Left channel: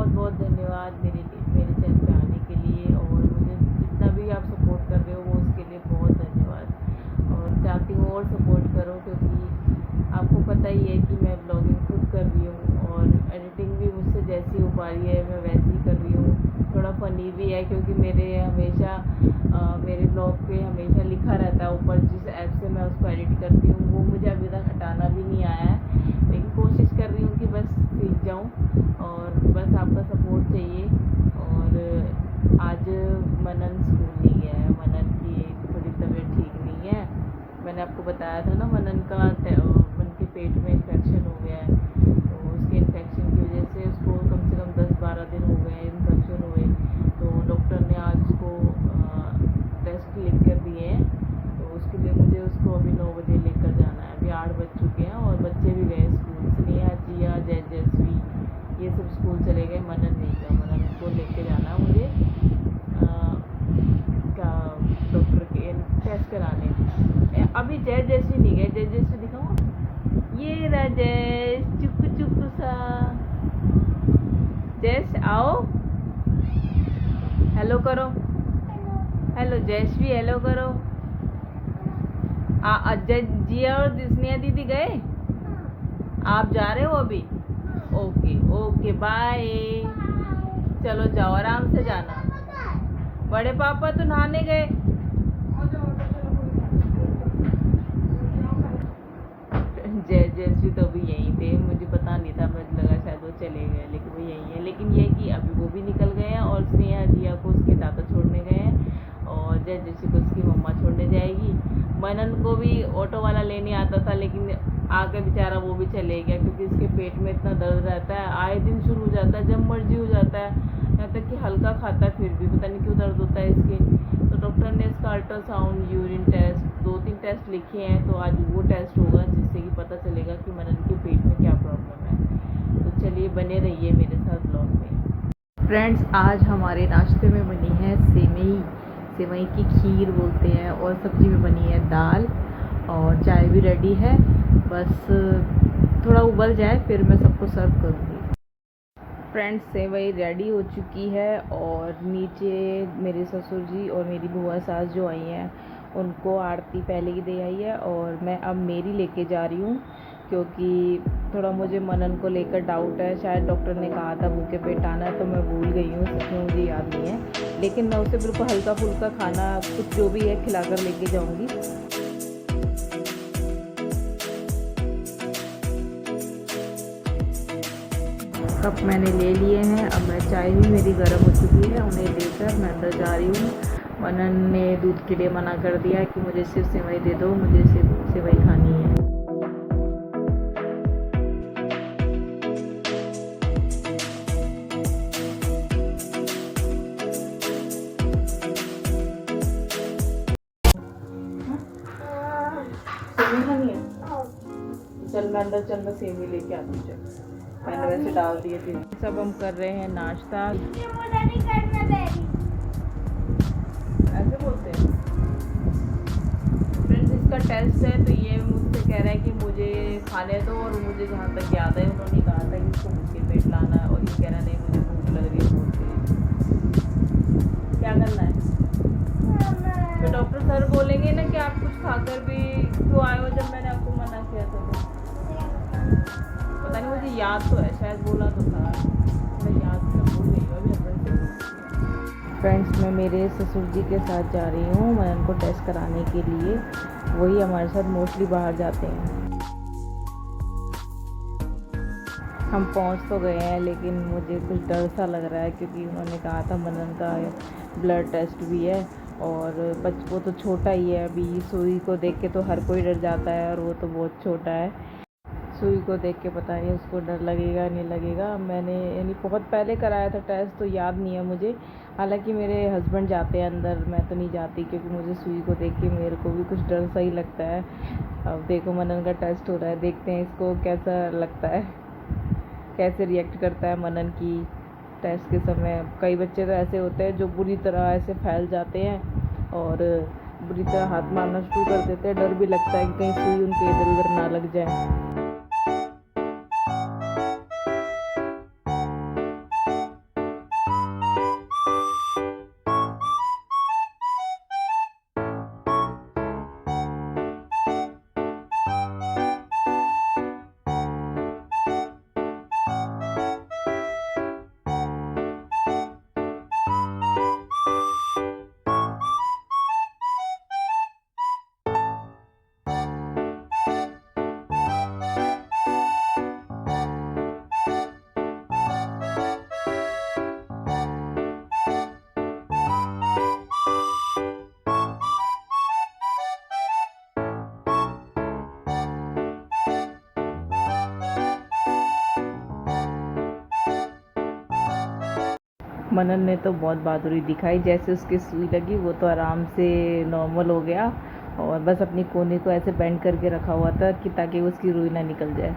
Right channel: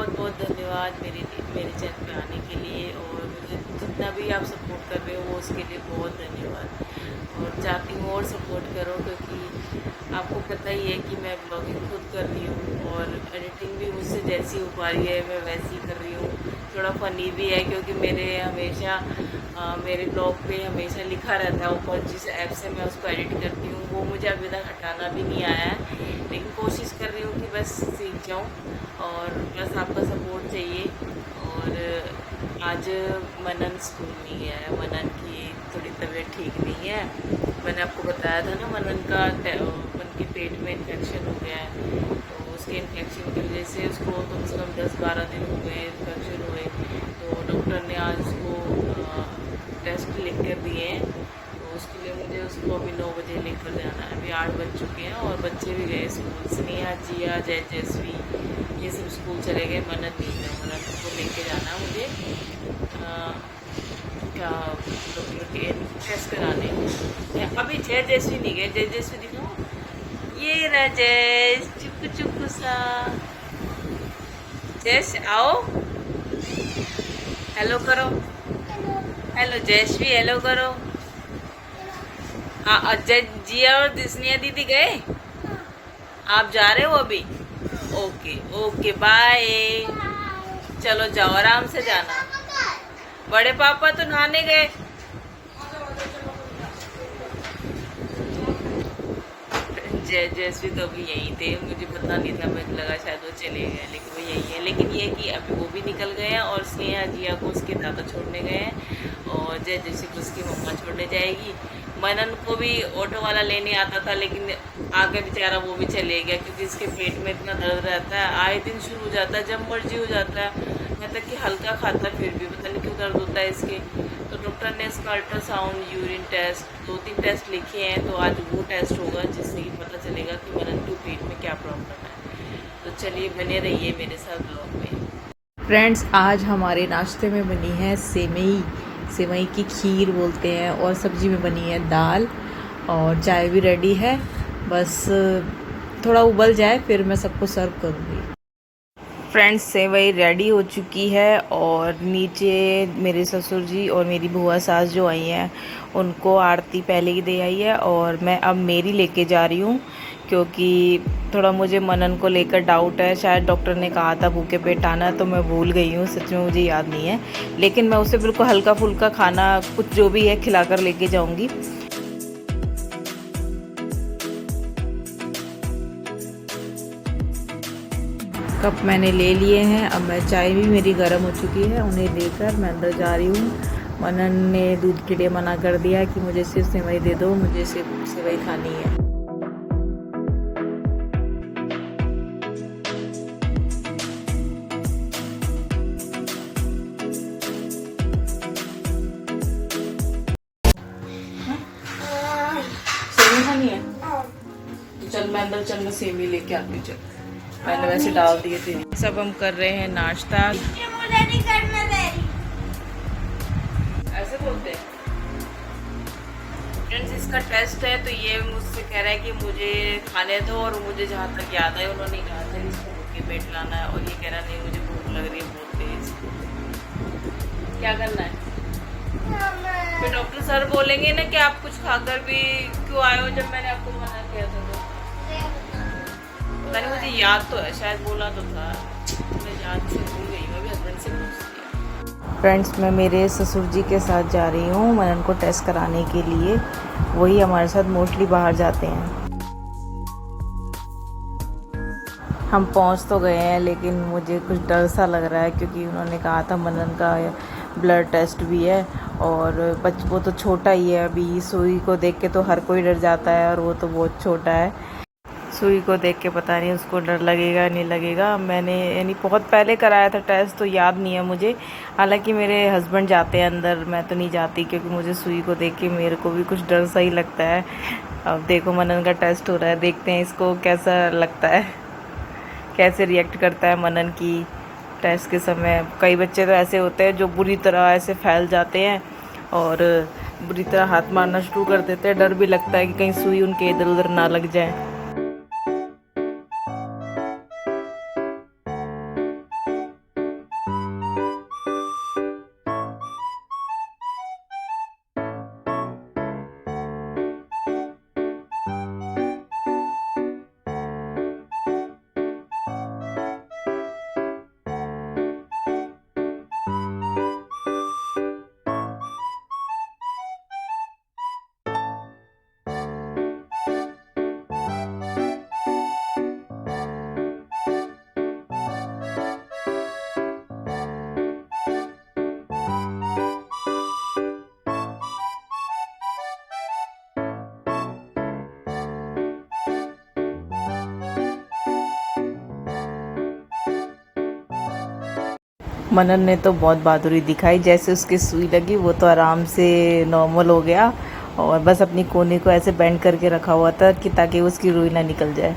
बहुत बहुत धन्यवाद मेरे चैनल पे आने के लिए, और मुझे जितना भी आप सपोर्ट कर रहे हो वो उसके लिए बहुत धन्यवाद। और चाहती हूँ और सपोर्ट करो, क्योंकि आपको पता ही है कि मैं ब्लॉगिंग खुद कर रही हूँ और एडिटिंग भी मुझसे जैसी हो पा रही है मैं वैसी कर रही हूँ। थोड़ा फ़नी भी है क्योंकि मेरे ब्लॉग पे हमेशा लिखा रहता है ऊपर, जिस ऐप से मैं उसको एडिट करती हूँ वो मुझे अभी तक हटाना भी नहीं आया है, लेकिन कोशिश कर रही हूँ कि बस सीख जाऊँ, और बस आपका सपोर्ट चाहिए। और आज मनन स्कूल नहीं गया है, मनन की थोड़ी तबीयत ठीक नहीं है। मैंने आपको बताया था ना, मनन का उनके पेट में इन्फेक्शन हो गया है, तो उसके इन्फेक्शन की वजह से उसको कम से कम 10-12 दिन हो गए इन्फेक्शन हुए। तो डॉक्टर ने आज उसको टेस्ट लिख कर दिए हैं, तो उसके लिए मुझे उसको अभी 9 बजे लेकर जाना है। अभी 8 बज चुके हैं और बच्चे भी गए स्कूल। स्नेहा, जिया, जय जयश्री ये सब स्कूल चले गए, मनन नहीं गया। मनन को लेके जाना है मुझे क्या डॉक्टर के टेस्ट कराने। अभी जय जयश्री नहीं गए, जय जयश्री दिखाओ, ये रहा जयस, चुप चुप सा जयस, आओ हेलो करो, हेलो जयश्री, हेलो करो। जय जिया और स्नेहा दीदी गए, आप जा रहे हो अभी? ओके ओके बाय, चलो जाओ आराम से जाना। बड़े पापा तो नहाने गए। जय जयश्री तो अभी यहीं थे, मुझे पता नहीं था, मुझे लगा शायद वो चले गए, लेकिन वो यहीं है। लेकिन ये कि अभी वो भी निकल गए हैं, और स्नेहा जिया को उसके दादा छोड़ने गए हैं, और जय जयश्री को उसकी मम्मा छोड़ने जाएगी। मनन को भी ऑटो वाला लेने आता था, लेकिन आगे बेचारा वो भी चले गया, क्योंकि इसके पेट में इतना दर्द रहता है, आए दिन शुरू हो जाता है, जब मर्जी हो जाता है। मैं तक कि हल्का खाता है फिर भी पता नहीं क्यों दर्द होता है इसके। तो डॉक्टर ने इसका अल्ट्रासाउंड, यूरिन टेस्ट, 2-3 टेस्ट लिखे हैं, तो आज वो टेस्ट होगा जिससे कि पता चलेगा कि मनन के पेट में क्या प्रॉब्लम है। तो चलिए बने रहिए मेरे साथ ब्लॉग में। फ्रेंड्स, आज हमारे नाश्ते में बनी है सेवई, सेवई की खीर बोलते हैं, और सब्जी में बनी है दाल, और चाय भी रेडी है। बस थोड़ा उबल जाए फिर मैं सबको सर्व करूँगी। फ्रेंड्स, सेवई रेडी हो चुकी है, और नीचे मेरे ससुर जी और मेरी बुआ सास जो आई हैं उनको आरती पहले ही दे आई है, और मैं अब मेरी लेके जा रही हूँ, क्योंकि थोड़ा मुझे मनन को लेकर डाउट है। शायद डॉक्टर ने कहा था भूखे पेट आना, तो मैं भूल गई हूँ, सच में मुझे याद नहीं है, लेकिन मैं उसे बिल्कुल हल्का फुल्का खाना कुछ जो भी है खिलाकर लेके जाऊँगी। कप मैंने ले लिए हैं, अब मैं चाय भी मेरी गर्म हो चुकी है, उन्हें देकर मैं अंदर जा रही हूँ। मनन ने दूध के लिए मना कर दिया कि मुझे सिर्फ सेवई दे दो, मुझे सिर्फ सेवई खानी है। सेवई खानी है? चल मैं अंदर, चल मैं सेवई लेके आती हूँ। चल, मैंने वैसे डाल दिए थे। सब हम कर रहे हैं नाश्ता। मुझे नहीं करना डैडी, ऐसे बोलते हैं फ्रेंड्स। इसका टेस्ट है, तो ये मुझसे कह रहा है कि मुझे खाने दो, और मुझे जहाँ तक याद है उन्होंने कहा था कि इसको भूखे पेट लाना है, और ये कह रहा नहीं मुझे भूख लग रही है बहुत तेज। क्या करना है? फिर डॉक्टर सर बोलेंगे ना कि आप कुछ खाकर भी क्यों आए हो, जब मैंने आपको मना किया था। तो पता नहीं, मुझे याद तो है, शायद बोला तो था, मैं याद से भूल गई हूँ, अभी हस्बैंड से पूछती हूँ। फ्रेंड्स, मैं मेरे ससुर जी के साथ जा रही हूँ मनन को टेस्ट कराने के लिए, वही हमारे साथ मोस्टली बाहर जाते हैं। हम पहुँच तो गए हैं, लेकिन मुझे कुछ डर सा लग रहा है, क्योंकि उन्होंने कहा था मनन का ब्लड टेस्ट भी है, और वो तो छोटा ही है अभी। सुई को देख के तो हर कोई डर जाता है, और वो तो बहुत छोटा है। सुई को देख के पता नहीं उसको डर लगेगा नहीं लगेगा। मैंने यानी बहुत पहले कराया था टेस्ट, तो याद नहीं है मुझे। हालांकि मेरे हस्बैंड जाते हैं अंदर, मैं तो नहीं जाती, क्योंकि मुझे सुई को देख के मेरे को भी कुछ डर सा ही लगता है। अब देखो मनन का टेस्ट हो रहा है, देखते हैं इसको कैसा लगता है, कैसे रिएक्ट करता है मनन की टेस्ट के समय। कई बच्चे तो ऐसे होते हैं जो बुरी तरह ऐसे फैल जाते हैं, और बुरी तरह हाथ मारना शुरू कर देते हैं। डर भी लगता है कि कहीं सुई उनके इधर उधर ना लग जाए। मनन ने तो बहुत बहादुरी दिखाई, जैसे उसकी सुई लगी वो तो आराम से नॉर्मल हो गया और बस अपनी कोने को ऐसे बेंड करके रखा हुआ था कि ताकि उसकी रुई ना निकल जाए।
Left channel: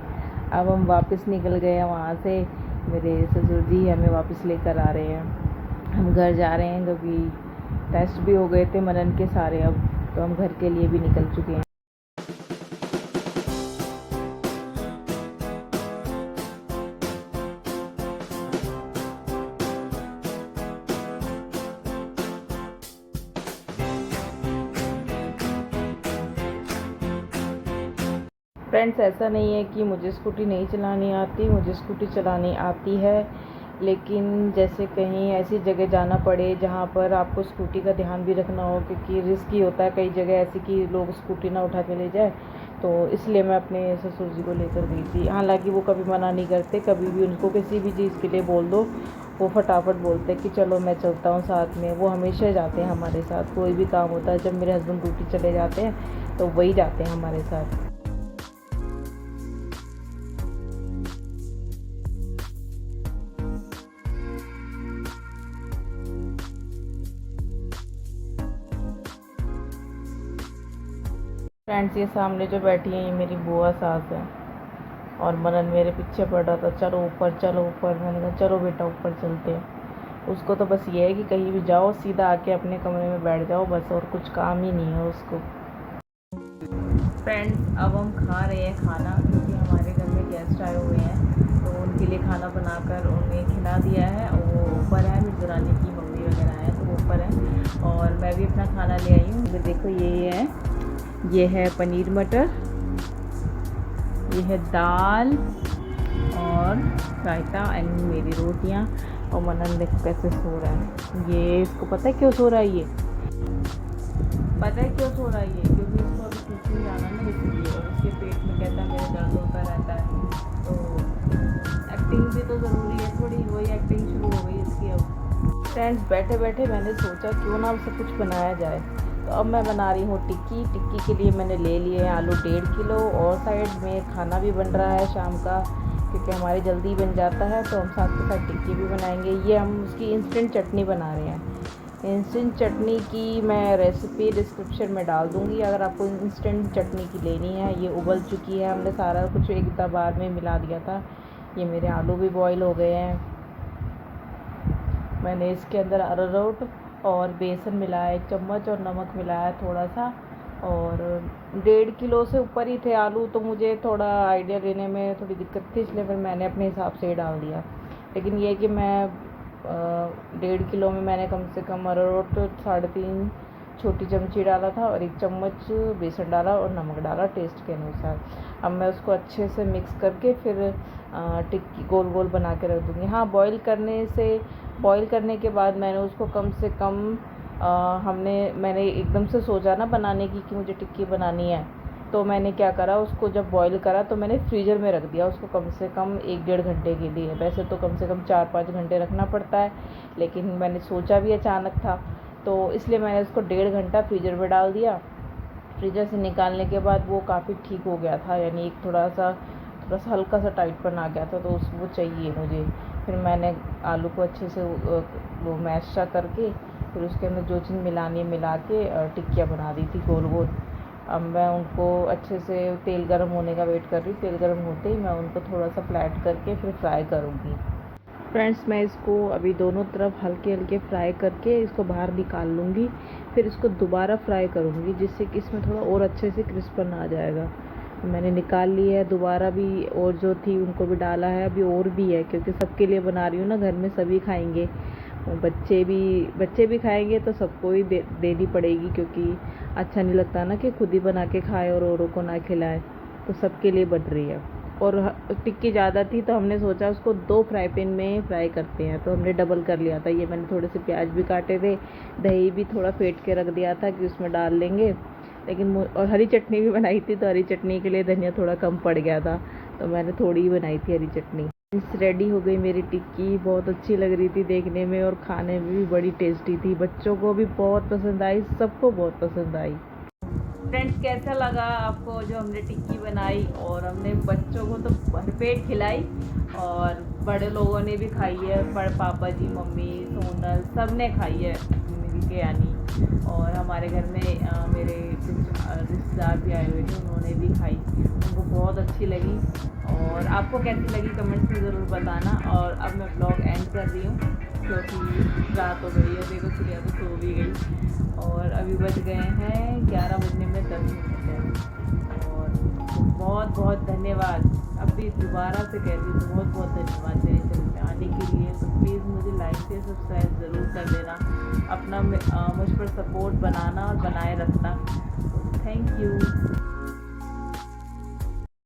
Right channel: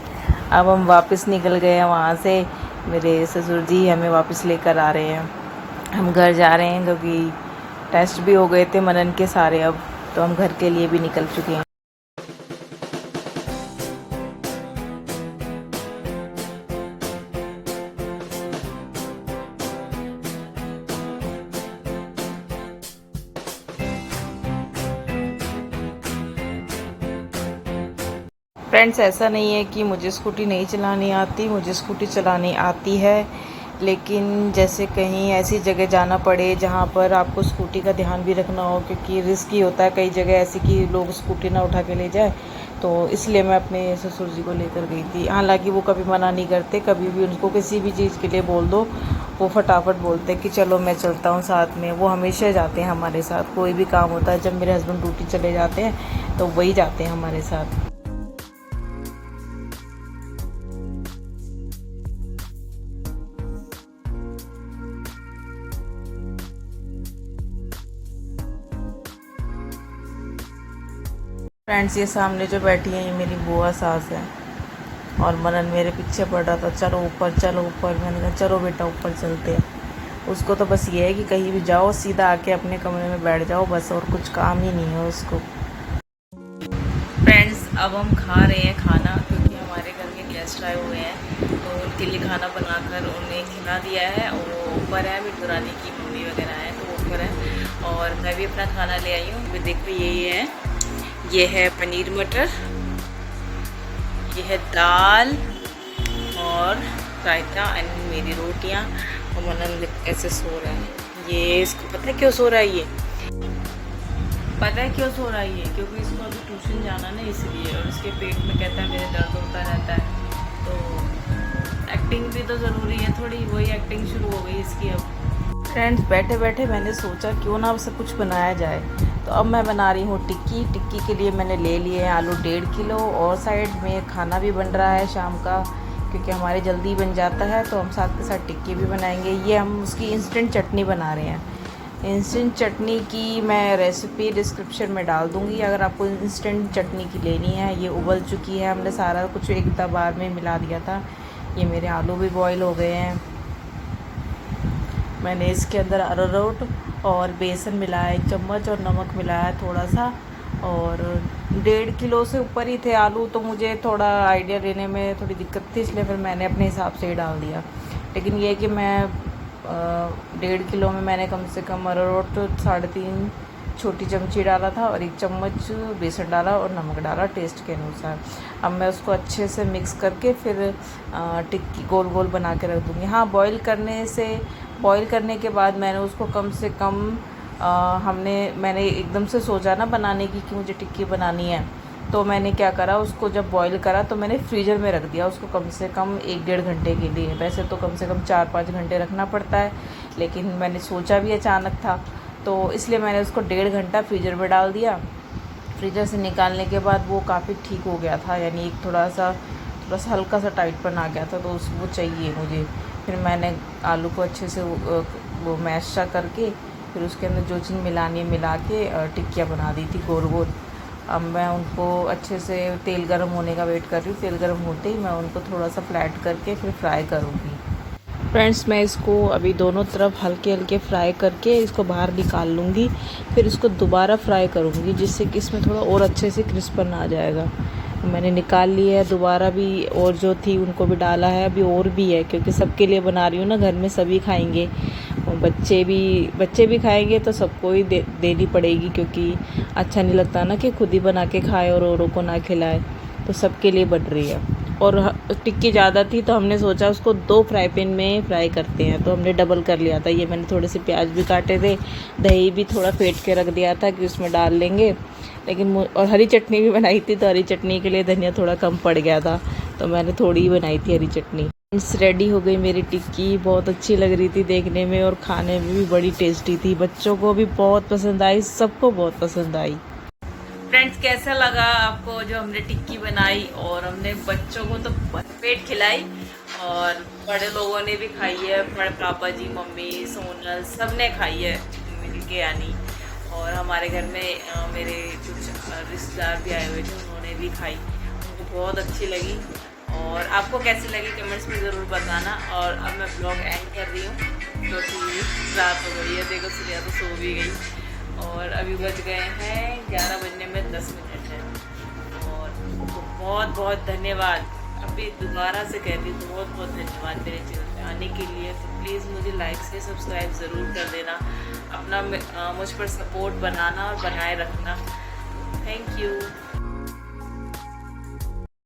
अब हम वापस निकल गए हैं वहाँ से, मेरे ससुर जी हमें वापस लेकर आ रहे हैं। हम घर जा रहे हैं क्योंकि टेस्ट भी हो गए थे मनन के सारे, अब तो हम घर के लिए भी निकल चुके हैं। फ्रेंड्स, ऐसा नहीं है कि मुझे स्कूटी नहीं चलानी आती, मुझे स्कूटी चलानी आती है, लेकिन जैसे कहीं ऐसी जगह जाना पड़े जहाँ पर आपको स्कूटी का ध्यान भी रखना हो, क्योंकि रिस्की होता है कई जगह ऐसी कि लोग स्कूटी ना उठा के ले जाए, तो इसलिए मैं अपने ससुर जी को लेकर गई थी। हालांकि वो कभी मना नहीं करते, कभी भी उनको किसी भी चीज़ के लिए बोल दो वो फटाफट बोलते कि चलो मैं चलता हूँ साथ में। वो हमेशा जाते हैं हमारे साथ, कोई भी काम होता है जब मेरे हस्बैंड ड्यूटी चले जाते हैं तो वही जाते हैं हमारे साथ। फ्रेंड्स, ये सामने जो बैठी है ये मेरी बुआ सास है और मनन मेरे पीछे पड़ रहा था, चलो ऊपर चलो ऊपर। मैंने कहा चलो बेटा ऊपर चलते हैं। उसको तो बस ये है कि कहीं भी जाओ सीधा आके अपने कमरे में बैठ जाओ बस, और कुछ काम ही नहीं है उसको। फ्रेंड्स, अब हम खा रहे हैं खाना, क्योंकि हमारे घर में गेस्ट आए हुए हैं तो उनके लिए खाना बनाकर उन्हें खिला दिया है। और वो ऊपर है, मेरी दुरानी की मम्मी वगैरह हैं तो वो ऊपर है और मैं भी अपना खाना ले आई हूँ। देखो ये है पनीर मटर, ये है दाल और रायता एंड मेरी रोटियां। और मनन देख कैसे सो रहा है। ये इसको पता है क्यों सो रहा है, ये पता है क्यों सो रहा है ये, क्योंकि इसको अभी ट्यूशन जाना ना इसलिए, और इसके पेट में कहता है मेरे दर्द होता रहता है। तो एक्टिंग भी तो ज़रूरी है थोड़ी, वही एक्टिंग शुरू हो गई इसकी अब। फ्रेंड्स, बैठे बैठे मैंने सोचा क्यों ना सब कुछ बनाया जाए, तो अब मैं बना रही हूँ टिक्की। टिक्की के लिए मैंने ले लिए हैं आलू 1.5 किलो, और साइड में खाना भी बन रहा है शाम का, क्योंकि हमारे जल्दी बन जाता है तो हम साथ के साथ टिक्की भी बनाएंगे। ये हम उसकी इंस्टेंट चटनी बना रहे हैं। इंस्टेंट चटनी की मैं रेसिपी डिस्क्रिप्शन में डाल दूँगी अगर आपको इंस्टेंट चटनी की लेनी है। ये उबल चुकी है, हमने सारा कुछ एक बार में मिला दिया था। ये मेरे आलू भी बॉईल हो गए हैं। मैंने इसके अंदर अरारोट और बेसन मिलाया 1 चम्मच, और नमक मिलाया थोड़ा सा। और 1.5 किलो से ऊपर ही थे आलू, तो मुझे थोड़ा आइडिया लेने में थोड़ी दिक्कत थी, इसलिए फिर मैंने अपने हिसाब से ही डाल दिया। लेकिन ये कि मैं 1.5 किलो में मैंने कम से कम अरारोट 3.5 छोटी चमची डाला था और 1 चम्मच बेसन डाला और नमक डाला टेस्ट के अनुसार। अब मैं उसको अच्छे से मिक्स करके फिर टिक्की गोल गोल बना के रख दूँगी। हाँ, बॉईल करने के बाद मैंने उसको कम से कम मैंने एकदम से सोचा ना बनाने की कि मुझे टिक्की बनानी है, तो मैंने क्या करा, उसको जब बॉईल करा तो मैंने फ्रीज़र में रख दिया उसको कम से कम 1-1.5 घंटे के लिए। वैसे तो कम से कम 4-5 घंटे रखना पड़ता है, लेकिन मैंने सोचा भी अचानक था तो इसलिए मैंने उसको 1.5 घंटा फ्रीज़र में डाल दिया। फ्रीज़र से निकालने के बाद वो काफ़ी ठीक हो गया था, यानी एक थोड़ा सा हल्का सा टाइटपन आ गया था, तो वो चाहिए मुझे। फिर मैंने आलू को अच्छे से वो मैश सा करके फिर उसके अंदर जो चीज़ मिलानी है मिला के टिक्कियाँ बना दी थी गोल गोल। अब मैं उनको अच्छे से तेल गर्म होने का वेट कर रही हूँ। तेल गर्म होते ही मैं उनको थोड़ा सा फ्लैट करके फिर फ्राई करूँगी। फ्रेंड्स, मैं इसको अभी दोनों तरफ हल्के हल्के फ्राई करके इसको बाहर निकाल लूँगी, फिर इसको दोबारा फ्राई करूँगी जिससे कि इसमें थोड़ा और अच्छे से क्रिस्पन आ जाएगा। मैंने निकाल लिया है, दोबारा भी और जो थी उनको भी डाला है, अभी और भी है क्योंकि सबके लिए बना रही हूँ ना, घर में सभी खाएंगे, बच्चे भी खाएंगे तो सबको ही देनी पड़ेगी, क्योंकि अच्छा नहीं लगता ना कि खुद ही बना के खाए और औरों को ना खिलाए, तो सबके लिए बन रही है। और टिक्की ज़्यादा थी तो हमने सोचा उसको 2 फ्राई पैन में फ्राई करते हैं, तो हमने डबल कर लिया था। ये मैंने थोड़े से प्याज भी काटे थे, दही भी थोड़ा फेंट के रख दिया था कि उसमें डाल लेंगे, लेकिन और हरी चटनी भी बनाई थी, तो हरी चटनी के लिए धनिया थोड़ा कम पड़ गया था, तो मैंने थोड़ी ही बनाई थी हरी चटनी। रेडी हो गई मेरी टिक्की, बहुत अच्छी लग रही थी देखने में और खाने में भी बड़ी टेस्टी थी। बच्चों को भी बहुत पसंद आई, सबको बहुत पसंद आई। फ्रेंड्स, कैसा लगा आपको जो हमने टिक्की बनाई, और हमने बच्चों को तो भरपेट खिलाई और बड़े लोगों ने भी खाई है, बड़े पापा जी, मम्मी, सोनल, सब ने खाई है मिल के यानी। और हमारे घर में मेरे कुछ रिश्तेदार भी आए हुए थे, उन्होंने भी खाई, उनको बहुत अच्छी लगी। और आपको कैसी लगी कमेंट्स में ज़रूर बताना। और अब मैं ब्लॉग एंड कर रही हूँ क्योंकि रात हो गई है। देखो सूर्या तो सो भी गई और अभी बज गए हैं 11 बजने में 10 मिनट है। और तो बहुत बहुत धन्यवाद, अभी दोबारा से कहती हूँ, बहुत बहुत धन्यवाद मेरे चैनल पे आने के लिए। तो प्लीज़ मुझे लाइक से सब्सक्राइब ज़रूर कर देना, अपना मुझ पर सपोर्ट बनाना और बनाए रखना। Thank you.